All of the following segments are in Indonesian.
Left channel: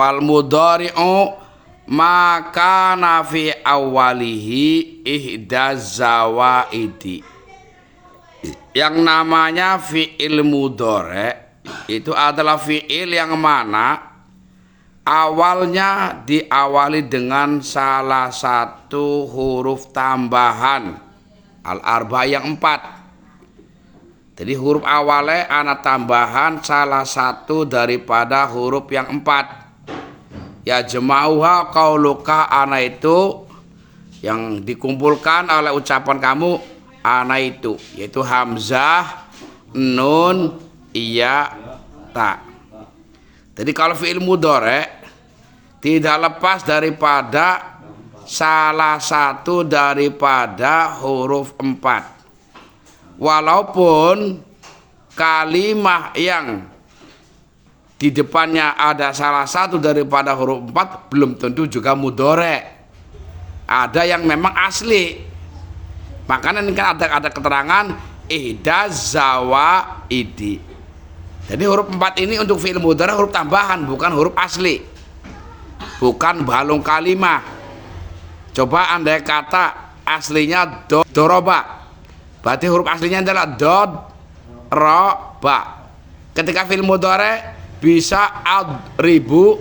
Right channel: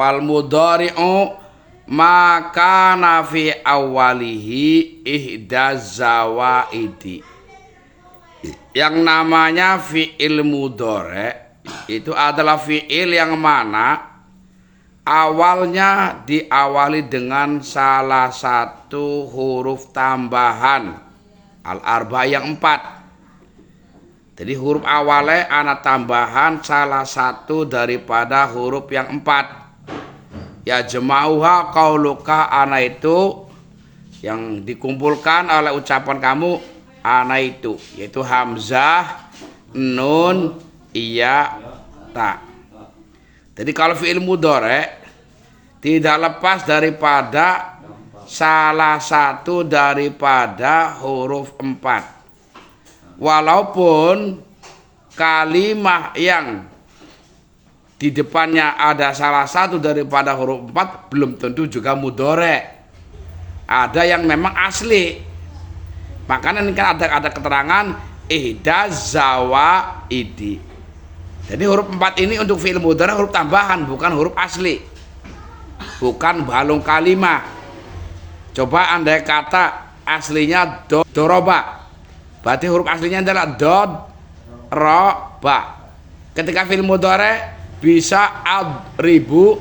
Fal mudhari'u maka nafi awalihi ihdaz zawaidi. Yang namanya fi'il mudhari' itu adalah fi'il yang mana awalnya diawali dengan salah satu huruf tambahan al-arba yang 4. Jadi huruf awalnya ana tambahan salah satu daripada huruf yang 4. Ya jama'uha qauluka, ana itu yang dikumpulkan oleh ucapan kamu ana itu, yaitu hamzah, nun, iya, ta. Jadi kalau fi'il mudhari' tidak lepas daripada salah satu daripada huruf 4. Walaupun kalimah yang di depannya ada salah satu daripada huruf 4 belum tentu juga mudhari'. Ada yang memang asli. Makanya ini kan ada keterangan ihdaz zawaidi. Jadi huruf 4 ini untuk fi'il mudhari' huruf tambahan, bukan huruf asli. Bukan balung kalimah. Coba andai kata aslinya doroba. Berarti huruf aslinya adalah dod roba. Ketika fi'il mudhari' bisa adribu,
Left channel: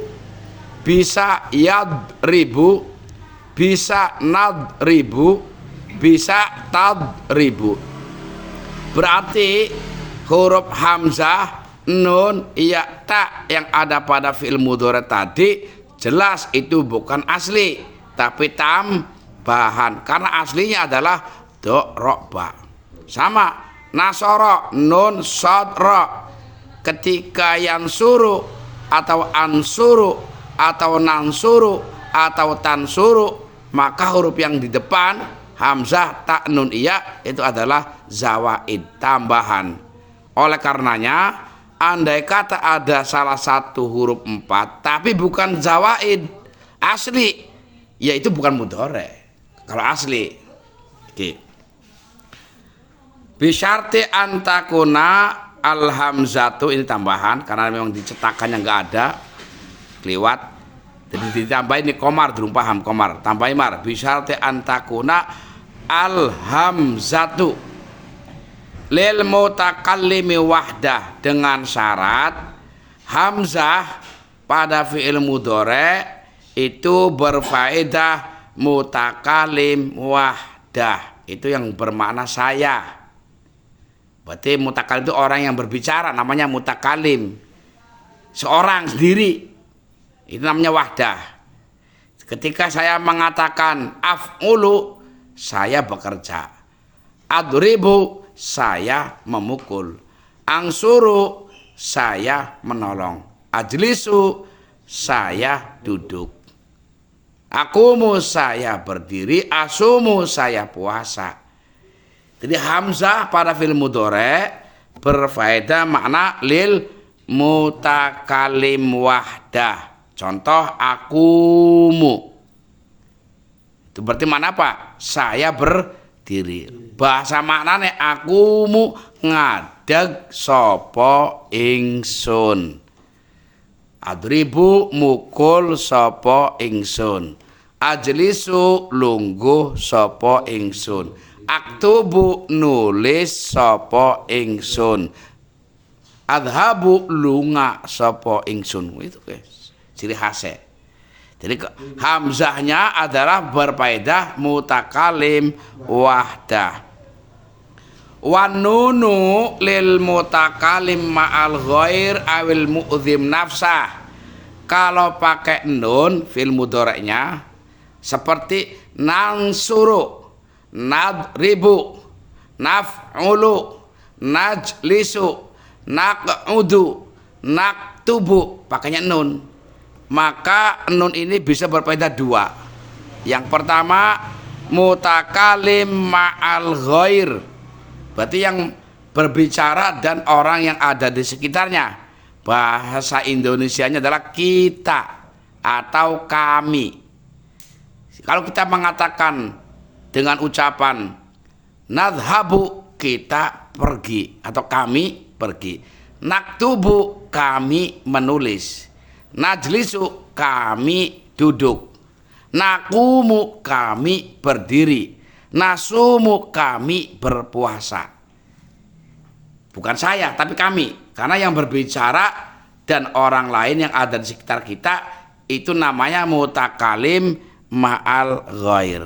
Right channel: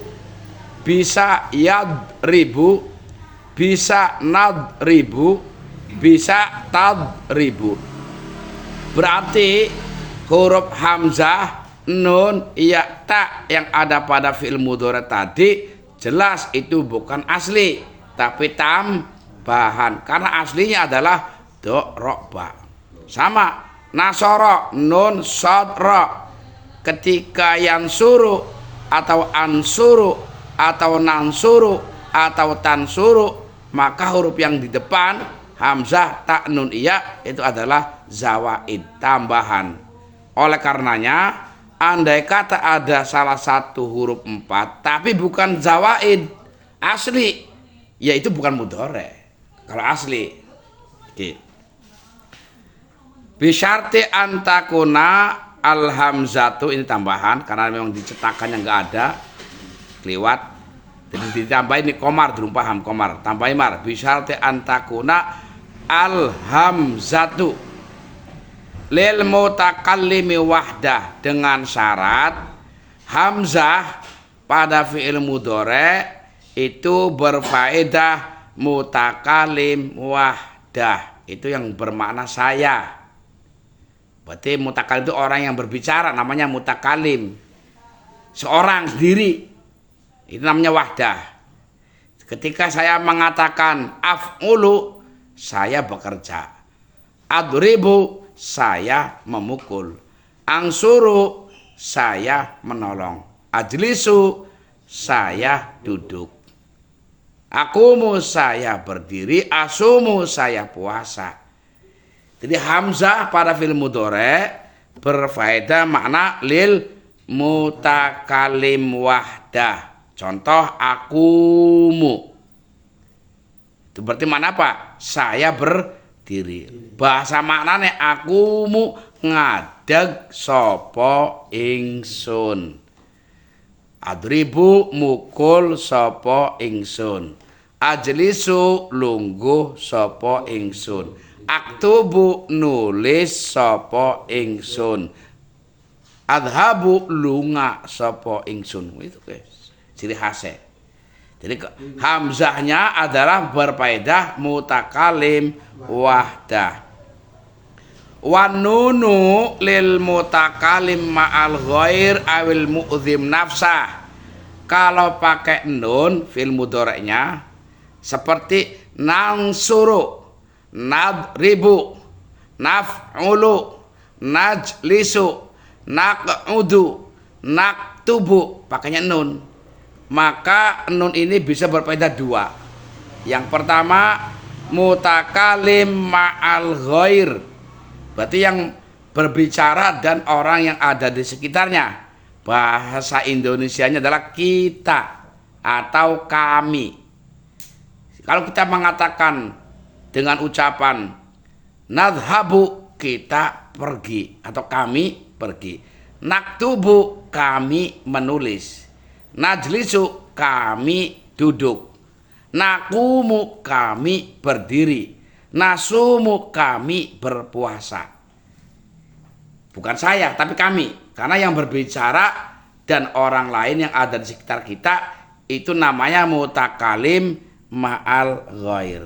bisa yadribu, bisa nadribu, bisa tadribu. Berarti huruf hamzah, nun, iya, ta yang ada pada fi'il mudhari' tadi jelas itu bukan asli, tapi tambahan. Karena aslinya adalah do roba. Sama nasoro, nun, sod, ro. Ketika yang suruh atau ansuru atau nansuru atau tansuru, maka huruf yang di depan hamzah, ta, nun, iya itu adalah zawaid, tambahan. Oleh karenanya andai kata ada salah satu huruf 4 tapi bukan zawaid asli, yaitu bukan mudhari' kalau asli. Oke. Bisyarti antakuna al-hamzatu, ini tambahan karena memang dicetakannya nggak ada, keliwat. Jadi ditambahin ini komar, belum paham komar, tambahin mar. Bisyarti antakuna al-hamzatu lil mutakallimi wahdah, dengan syarat hamzah pada fi'il mudhari' itu berfaedah mutakallim wahdah, itu yang bermakna saya. Berarti mutakalim itu orang yang berbicara, namanya mutakalim. Seorang sendiri, itu namanya wahdah. Ketika saya mengatakan af'ulu, saya bekerja. Adribu, saya memukul. Angsuru, saya menolong. Ajlisu, saya duduk. Akumu, saya berdiri. Asumu, saya puasa. Jadi hamzah pada fi'il mudhari' berfaedah makna lil mutakallim wahdah. Contoh akumu. Itu berarti mana apa? Saya berdiri. Bahasa maknanya akumu ngadeg sapa ingsun. Adribu mukul sapa ingsun. Ajlisu lungguh sapa ingsun. Aktubu nulis sapa ingsun. Adhabu lunga sapa ingsun. Itu guys, ciri khasnya. Jadi hamzahnya adalah berfaedah mutakalim wahdah. Wan nunu lil mutakalim ma'al ghair awil mu'zim nafsah. Kalau pakai nun fil mudhari'nya seperti nansuru, nadribu, naf'ulu, najlisu, naq'udu, naktubu, pakainya nun. Maka nun ini bisa berfaedah dua. Yang pertama mutakalim ma'al ghair, berarti yang berbicara dan orang yang ada di sekitarnya. Bahasa Indonesianya adalah kita atau kami. Kalau kita mengatakan dengan ucapan nadhabu, kita pergi atau kami pergi. Naktubu, kami menulis. Najlisu kami duduk. Nakumu kami berdiri. Nasumu kami berpuasa. Bukan saya tapi kami. Karena yang berbicara dan orang lain yang ada di sekitar kita itu namanya mutakalim ma'al ghair.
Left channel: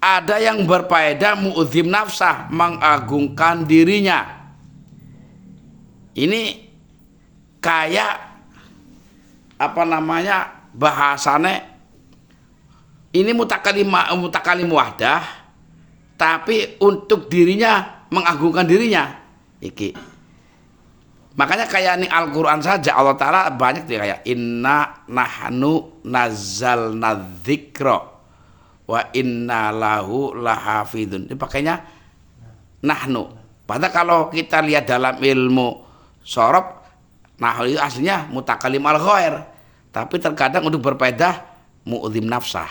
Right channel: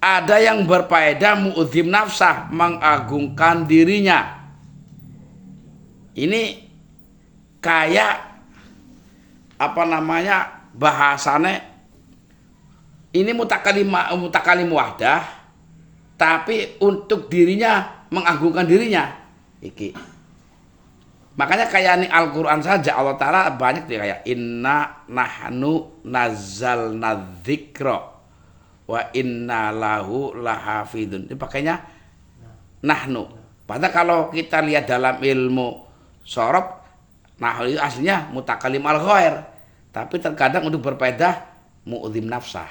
Ada yang berfaedah mu'dzim nafsah, mengagungkan dirinya. Ini kayak apa namanya bahasanya, ini mutakalim wahdah, tapi untuk dirinya mengagungkan dirinya. Iki. Makanya kayak ini Al-Quran saja Allah Ta'ala banyak dia kayak inna nahnu nazzalna dzikra wa inna lahu lahafidun. Ini pakainya nahnu. Padahal kalau kita lihat dalam ilmu sorof, nahnu itu aslinya mutakalim al-ghair, tapi terkadang untuk berfaedah mu'dzim nafsah.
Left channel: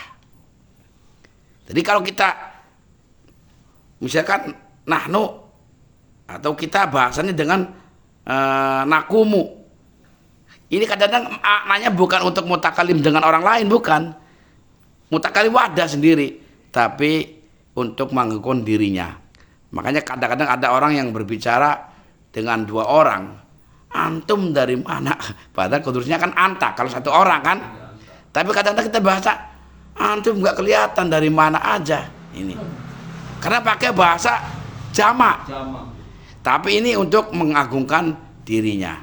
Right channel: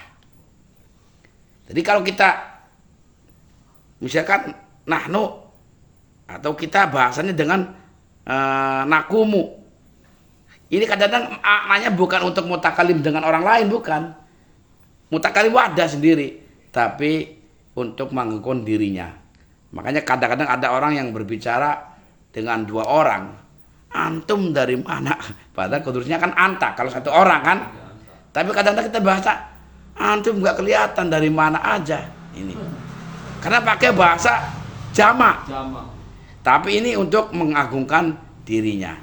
Jadi kalau kita misalkan nahnu atau kita bahasanya dengan nakumu, ini kadang-kadang maknanya bukan untuk mutakalim dengan orang lain, bukan mutakalim wadah sendiri, tapi untuk mengagungkan dirinya. Makanya kadang-kadang ada orang yang berbicara dengan dua orang, antum dari mana? Padahal kudusnya kan anta kalau satu orang kan. Tapi kadang-kadang kita bahasa antum nggak kelihatan dari mana aja ini. Karena pakai bahasa jamak. Tapi ini untuk mengagungkan dirinya.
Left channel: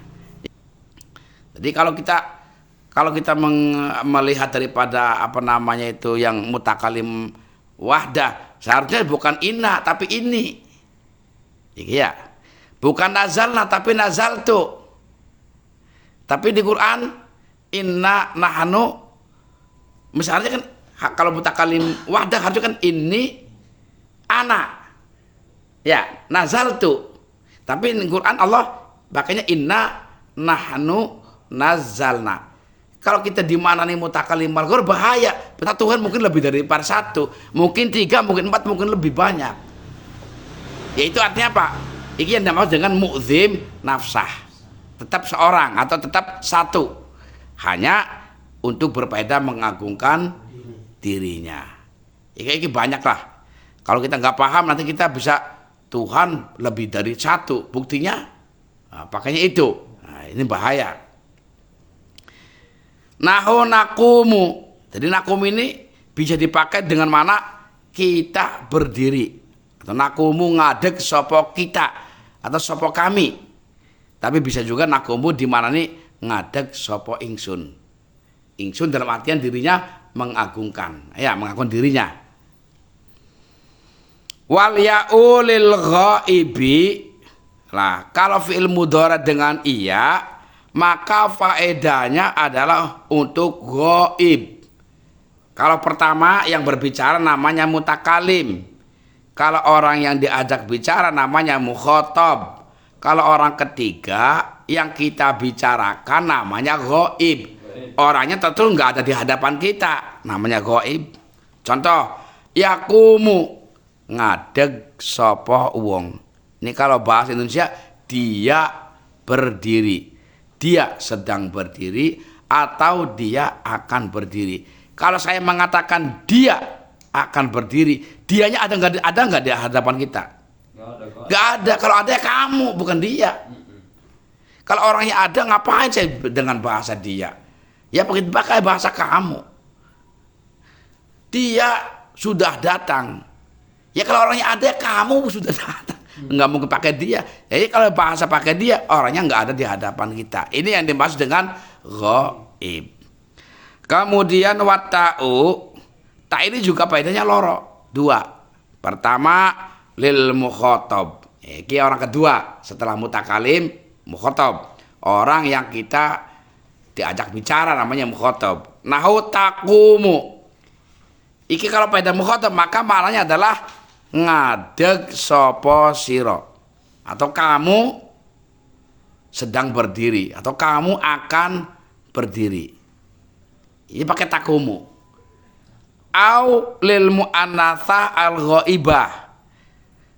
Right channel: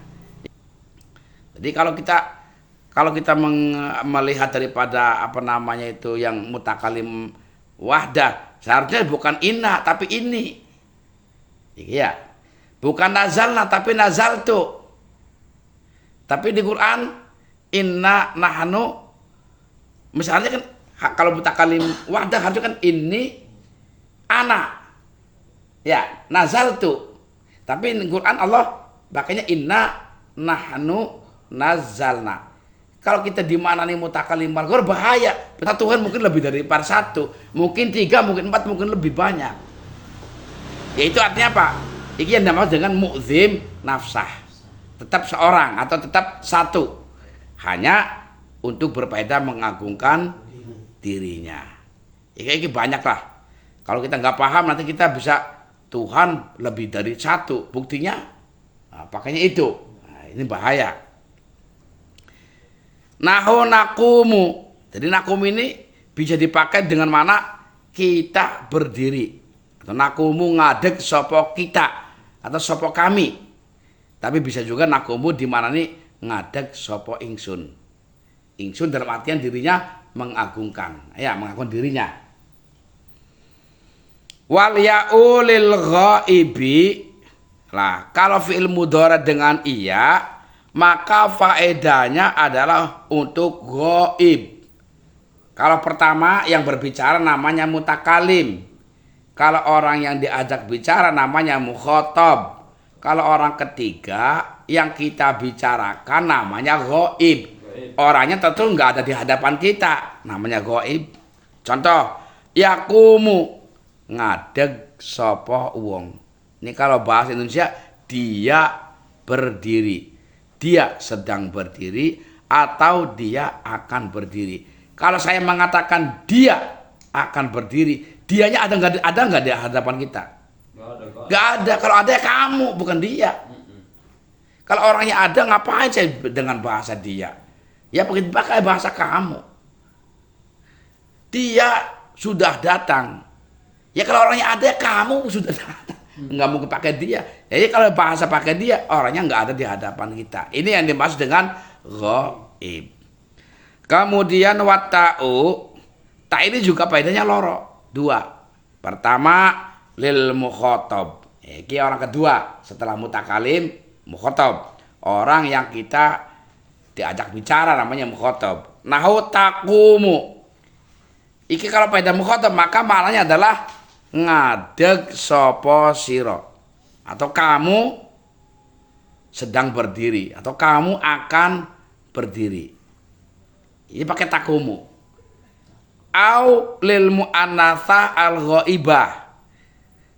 Jadi kalau kita melihat daripada apa namanya itu yang mutakalim wahdah, seharusnya bukan inna tapi ini. Iya. Bukan nazalna tapi nazaltu. Tapi di Quran inna nahnu, misalnya kan kalau mutakalim wahdah harusnya kan ini ana. Ya, nazaltu. Tapi di Quran Allah makanya inna nahnu nazalna. Kalau kita di mana nih mutakalim al-ghair bahaya. Tuhan mungkin lebih dari satu, mungkin 3, mungkin 4, mungkin lebih banyak. Yaitu artinya apa? Ini yang namanya dengan mu'dzim nafsah. Tetap seorang atau tetap satu. Hanya untuk berfaedah mengagungkan dirinya. Ini banyak lah. Kalau kita nggak paham nanti kita bisa Tuhan lebih dari satu. Buktinya pakainya itu. Nah, ini bahaya. Nahu nakumu. Jadi nakum ini bisa dipakai dengan mana kita berdiri. Atau nakumu ngadeg sopo kita atau sopo kami. Tapi bisa juga nakumu di mana nih ngadeg sopo ingsun. Ingsun dalam artian dirinya mengagungkan. Ya, mengagungkan dirinya. Wal ya'ulil ghaibi. Nah, kalau fi'il mudhari dengan iya, maka faedahnya adalah untuk ghaib. Kalau pertama yang berbicara namanya mutakalim. Kalau orang yang diajak bicara namanya mukhatab. Kalau orang ketiga yang kita bicarakan namanya ghaib. Orangnya tentu nggak ada di hadapan kita, namanya ghaib. Contoh, yakumu, ngadeg sapa wong. Ini kalau bahasa Indonesia dia berdiri. Dia sedang berdiri atau dia akan berdiri. Kalau saya mengatakan dia akan berdiri, dianya ada nggak di hadapan kita? Nggak ada. Kalau ada ya kamu, bukan dia. Kalau orangnya ada, ngapain saya dengan bahasa dia? Ya pakai bahasa kamu. Dia sudah datang. Ya kalau orangnya ada, kamu sudah datang. Nggak mungkin pakai dia. Jadi kalau bahasa pakai dia, orangnya nggak ada di hadapan kita. Ini yang dimaksud dengan ghaib. Kemudian wata'u. Tak ini juga faedahnya loro. 2. Pertama lil mukhatab. Ini orang kedua setelah mutakalim mukhatab. Orang yang kita diajak bicara namanya mukhatab. Nahu taqumu. Iki kalau faedah mukhatab maka maknanya adalah ngadeg sapa sira, atau kamu sedang berdiri atau kamu akan berdiri. Ini pakai takumu. Au lil muannatsa al ghaibah,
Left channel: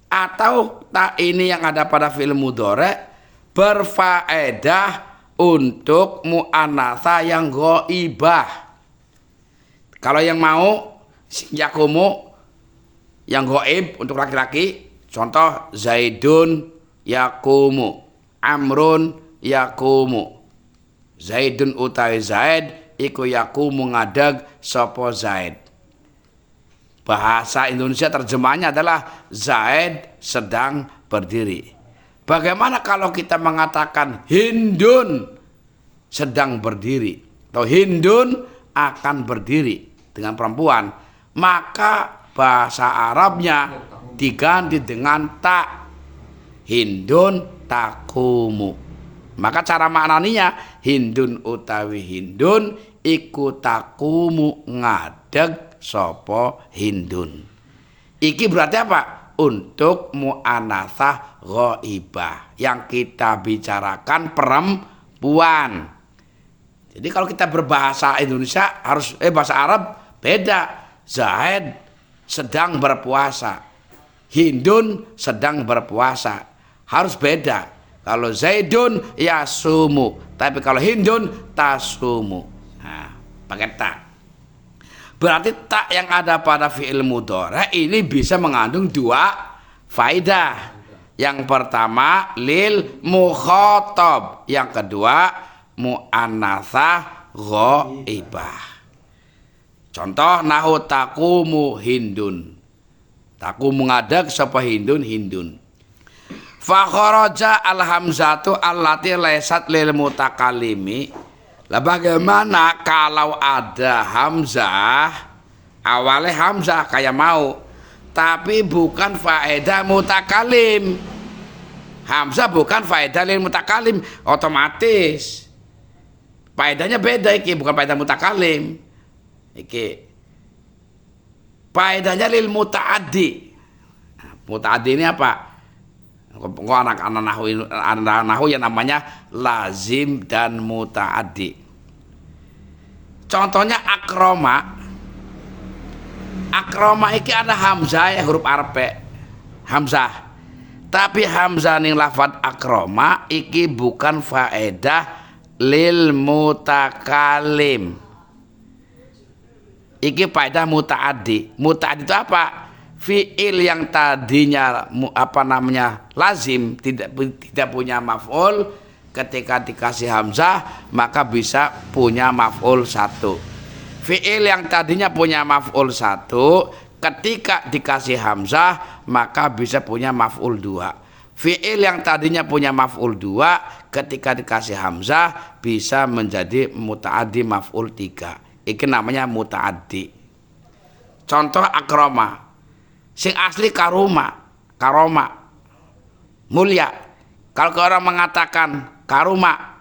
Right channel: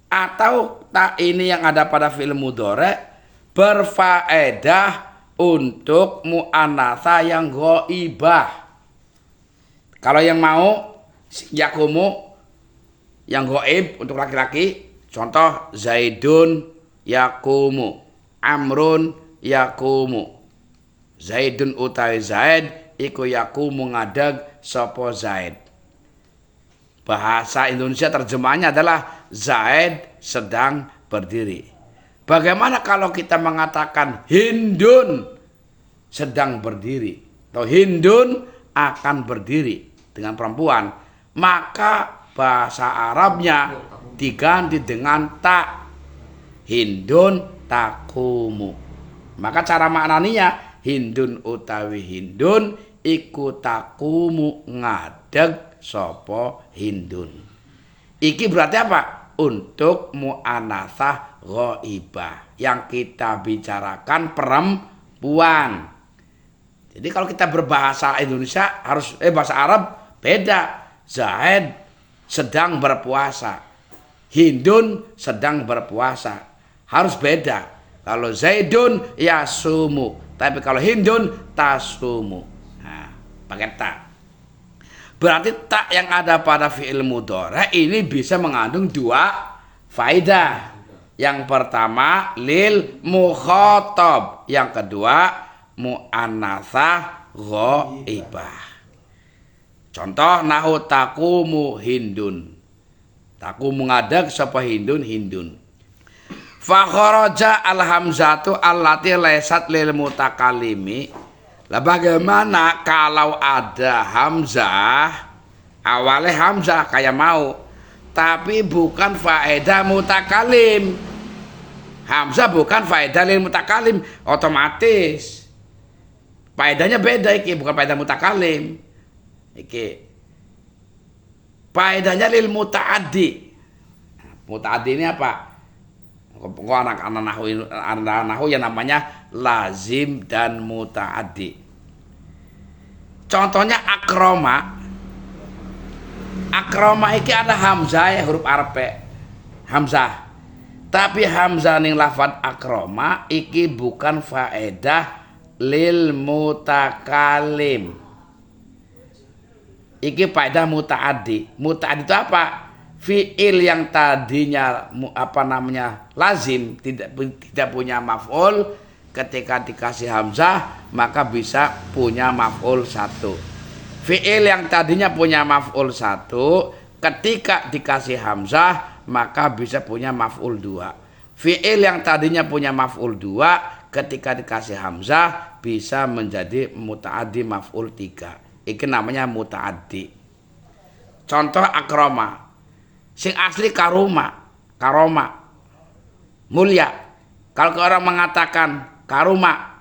atau tak ini yang ada pada fi'il mudhari berfaedah untuk mu'anatsa yang ghaibah. Kalau yang mau yakumu yang ghaib untuk laki-laki, contoh Zaidun yakumu, Amrun yakumu. Zaidun utawi Zaid iku yakumu ngadeg sapa Zaid. Bahasa Indonesia terjemahnya adalah Zaid sedang berdiri. Bagaimana kalau kita mengatakan Hindun sedang berdiri atau Hindun akan berdiri dengan perempuan, maka bahasa Arabnya diganti dengan ta. Hindun takumu. Maka cara maknaninya Hindun utawi Hindun iku takumu ngadeg sapa Hindun. Iki berarti apa? Untuk mu'anasah ghaibah yang kita bicarakan perempuan. Jadi kalau kita berbahasa Indonesia harus bahasa Arab beda. Zaid sedang berpuasa, Hindun sedang berpuasa, harus beda. Kalau Zaidun yasumu, tapi kalau Hindun tasumu. Nah, pakai tak. Berarti tak yang ada pada fi'il mudhari ini bisa mengandung dua faedah. Yang pertama lil mukhatab, yang kedua mu'annatsah ghaibah. Contoh nahu taqumu Hindun. Taqumu ngadeg sapa Hindun Hindun. Fa kharaja al hamzatu allati laysat lil mutakallimi. Lah bagaimana kalau ada hamzah, awalnya hamzah kayak mau, tapi bukan faedah mutakalim. Hamzah bukan faedah lil mutakalim, otomatis faedahnya beda iki, bukan faedah mutakalim. Iki faedahnya lil mutaaddi. Mutaaddi ini apa? Kok anak-anak nahu yang namanya lazim dan mutaaddi. Contohnya akroma. Akroma iki ada hamzah ya, huruf Arab hamzah. Tapi hamzah ning lafaz akroma iki bukan faedah lil mutakalim. Iki faedah mutaaddi. Mutaaddi itu apa? Fi'il yang tadinya lazim tidak punya maf'ul, ketika dikasih hamzah maka bisa punya maf'ul satu. Fi'il yang tadinya punya maf'ul satu, ketika dikasih hamzah maka bisa punya maf'ul dua. Fi'il yang tadinya punya maf'ul dua, ketika dikasih hamzah bisa menjadi muta'addi maf'ul tiga. Ini namanya muta'addi. Contoh akroma. Sing asli karoma mulia. Kalau orang mengatakan karoma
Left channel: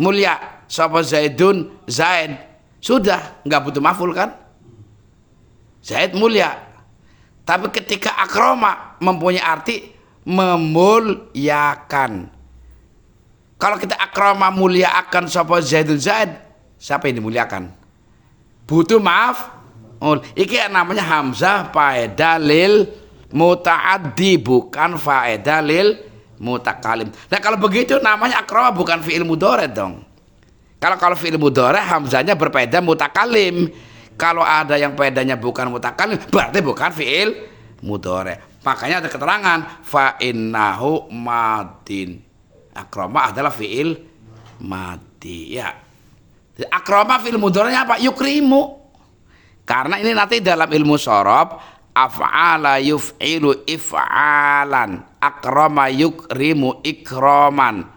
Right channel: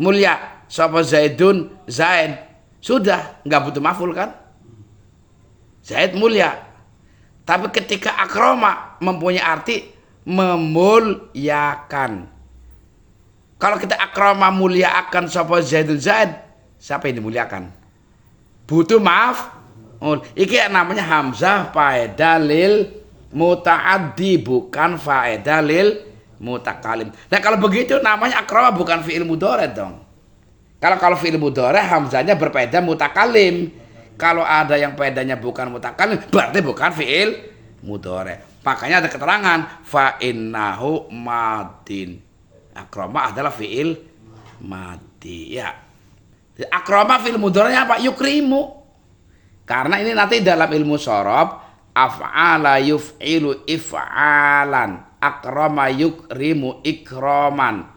mulia, sapa Zaidun Zaid, sudah nggak butuh maf'ul kan? Zaid mulia. Tapi ketika akroma mempunyai arti memuliakan. Kalau kita akroma mulia akan sapa Zaidun Zaid, siapa yang dimuliakan? Butuh maaf. Iki namanya hamzah faedah lil mutaaddi, bukan faedah lil mutakalim. Nah kalau begitu namanya akrama bukan fi'il mudhari dong. Kalau fi'il mudhari hamzahnya berfaedah mutakalim. Kalau ada yang faedahnya bukan mutakalim berarti bukan fi'il mudhari. Makanya ada keterangan fa innahu madin. Akrama adalah fi'il madi ya. Akrama fi'il mudhari apa? Yukrimu. Karena ini nanti dalam ilmu shorof af'ala yuf'ilu if'alan, akrama yukrimu ikroman,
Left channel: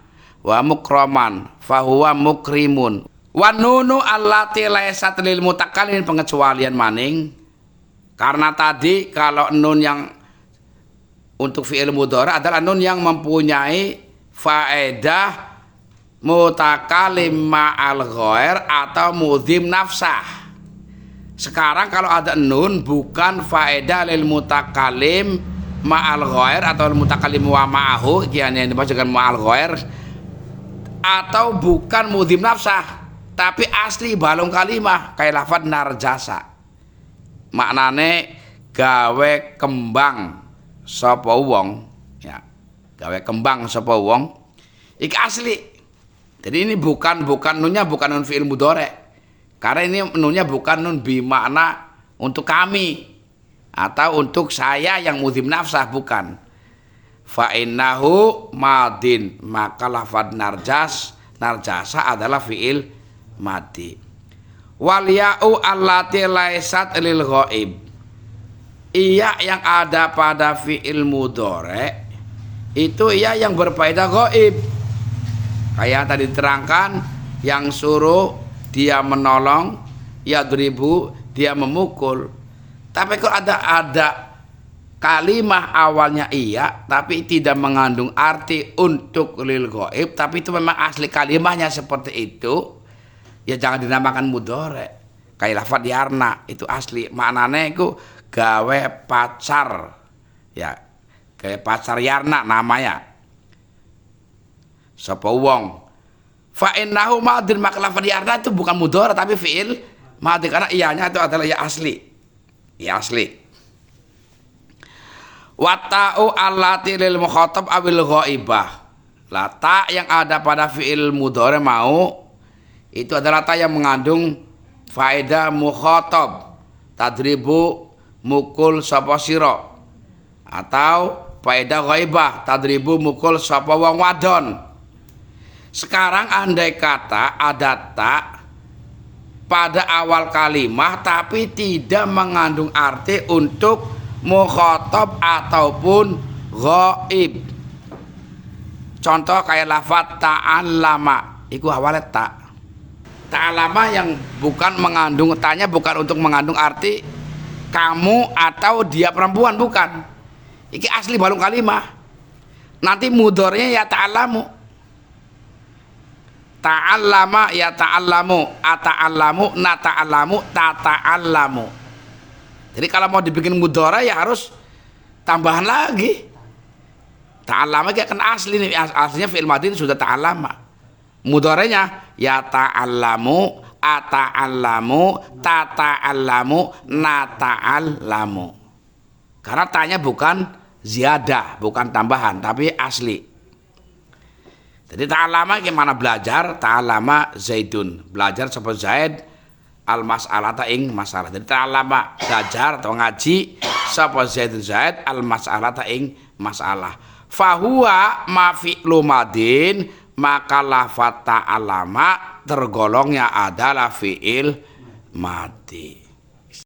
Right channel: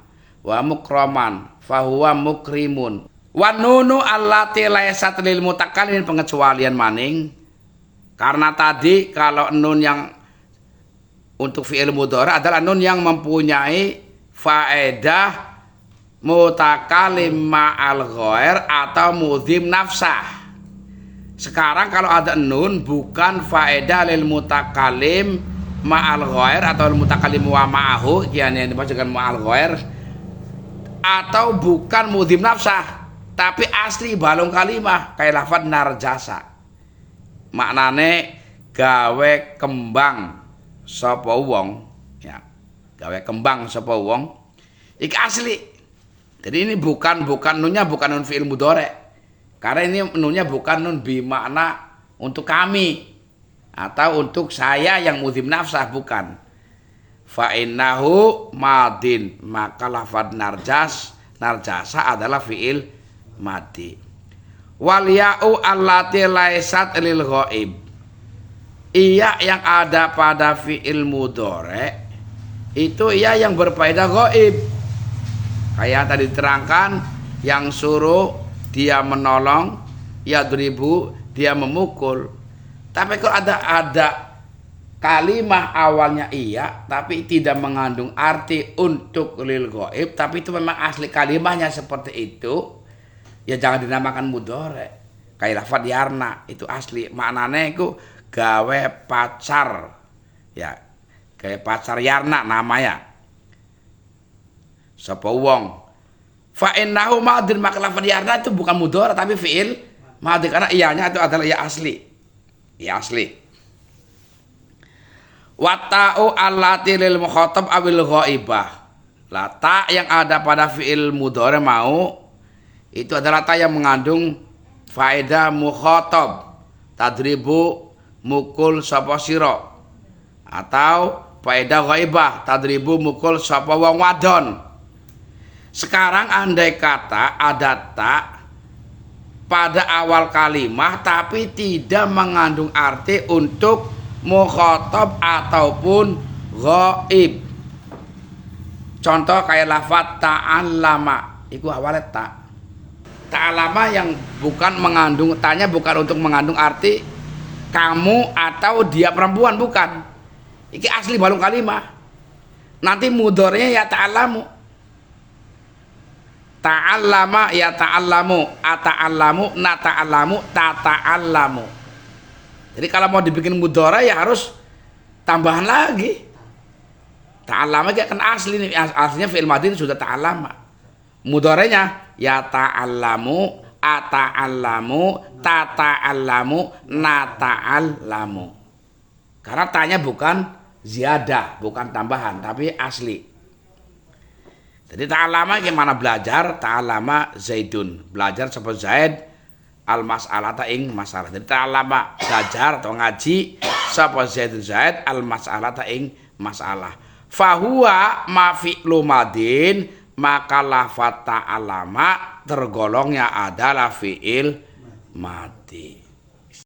wa mukroman fahuwa mukrimun. Wa nunu allati laysat lil mutakallim, pengecualian maning. Karena tadi kalau nun yang untuk fi'il mudhari adalah nun yang mempunyai faedah mutakallim ma'al ghair atau mudhim nafsah. Sekarang kalau ada nun bukan faedah lil mutakallim ma'al ghair atau mutakallim wa ma'ahu, yang dimaksudkan ma'al ghair, atau bukan mudhim nafsah tapi asli balung kalimah kayak lafaz narjasa, maknane gawe kembang sapa wong ya, gawe kembang sapa wong iki asli. Jadi ini bukan nunnya bukan nun fi'il mudhari. Karena ini nunnya bukan nun bimakna untuk kami atau untuk saya yang mudhim nafsah, bukan. Fa innahu madin, maka lafad narjasa adalah fi'il madi. Wal ya'u allati laisat lil ghaib. Iya yang ada pada fi'il mudhari itu iya yang berfaedah ghaib. Kayak tadi diterangkan, yang suruh dia menolong, yadribu dia memukul. Tapi kalau ada kalimah awalnya iya tapi tidak mengandung arti untuk lil ghaib, tapi itu memang asli kalimahnya seperti itu, ya jangan dinamakan mudhari. Kayak lafadz yarna itu asli maknanya itu gawe pacar, ya kayak pacar yarna namanya sapa wong. Fa innahu madin, maka lafadz yarna itu bukan mudhari tapi fi'il madin, karena iyanya itu adalah ya asli. Ya asli. Wa ta'u allati lil mukhatab awil ghaibah. La ta yang ada pada fi'il mudhari mau itu adalah ta yang mengandung faedah mukhatab. Tadribu mukul sapa sira, atau faedah ghaibah tadribu mukul sapa wong wadon. Sekarang andai kata ada ta pada awal kalimah tapi tidak mengandung arti untuk mukhatab ataupun ghaib. Contoh kayak lafaz ta'allama, itu awalnya ta. Ta'allama yang bukan mengandung, tanya bukan untuk mengandung arti kamu atau dia perempuan, bukan. Iki asli balung kalimah. Nanti mudhari'nya ya ta'allamu. Ta'allama ya ta'allamu, ata'allamu, nata'allamu, tata'allamu. Jadi kalau mau dibikin mudhari ya harus tambahan lagi. Ta'allama kayak kan asli nih, aslinya fi'il madhi sudah ta'allama. Mudhari'nya ya ta'allamu, ata'allamu, tata'allamu, nata'allamu. Karena tanya bukan ziyadah, bukan tambahan, tapi asli. Jadi ta'allama gimana belajar? Ta'allama Zaidun, belajar sapa Zaid al-mas'alata ing masalah. Jadi ta'allama belajar atau ngaji sapa Zaidun Zaid al-mas'alata ing masalah. Fahuwa ma fi'lu madin, maka lafaz ta'allama tergolongnya adalah fi'il madi.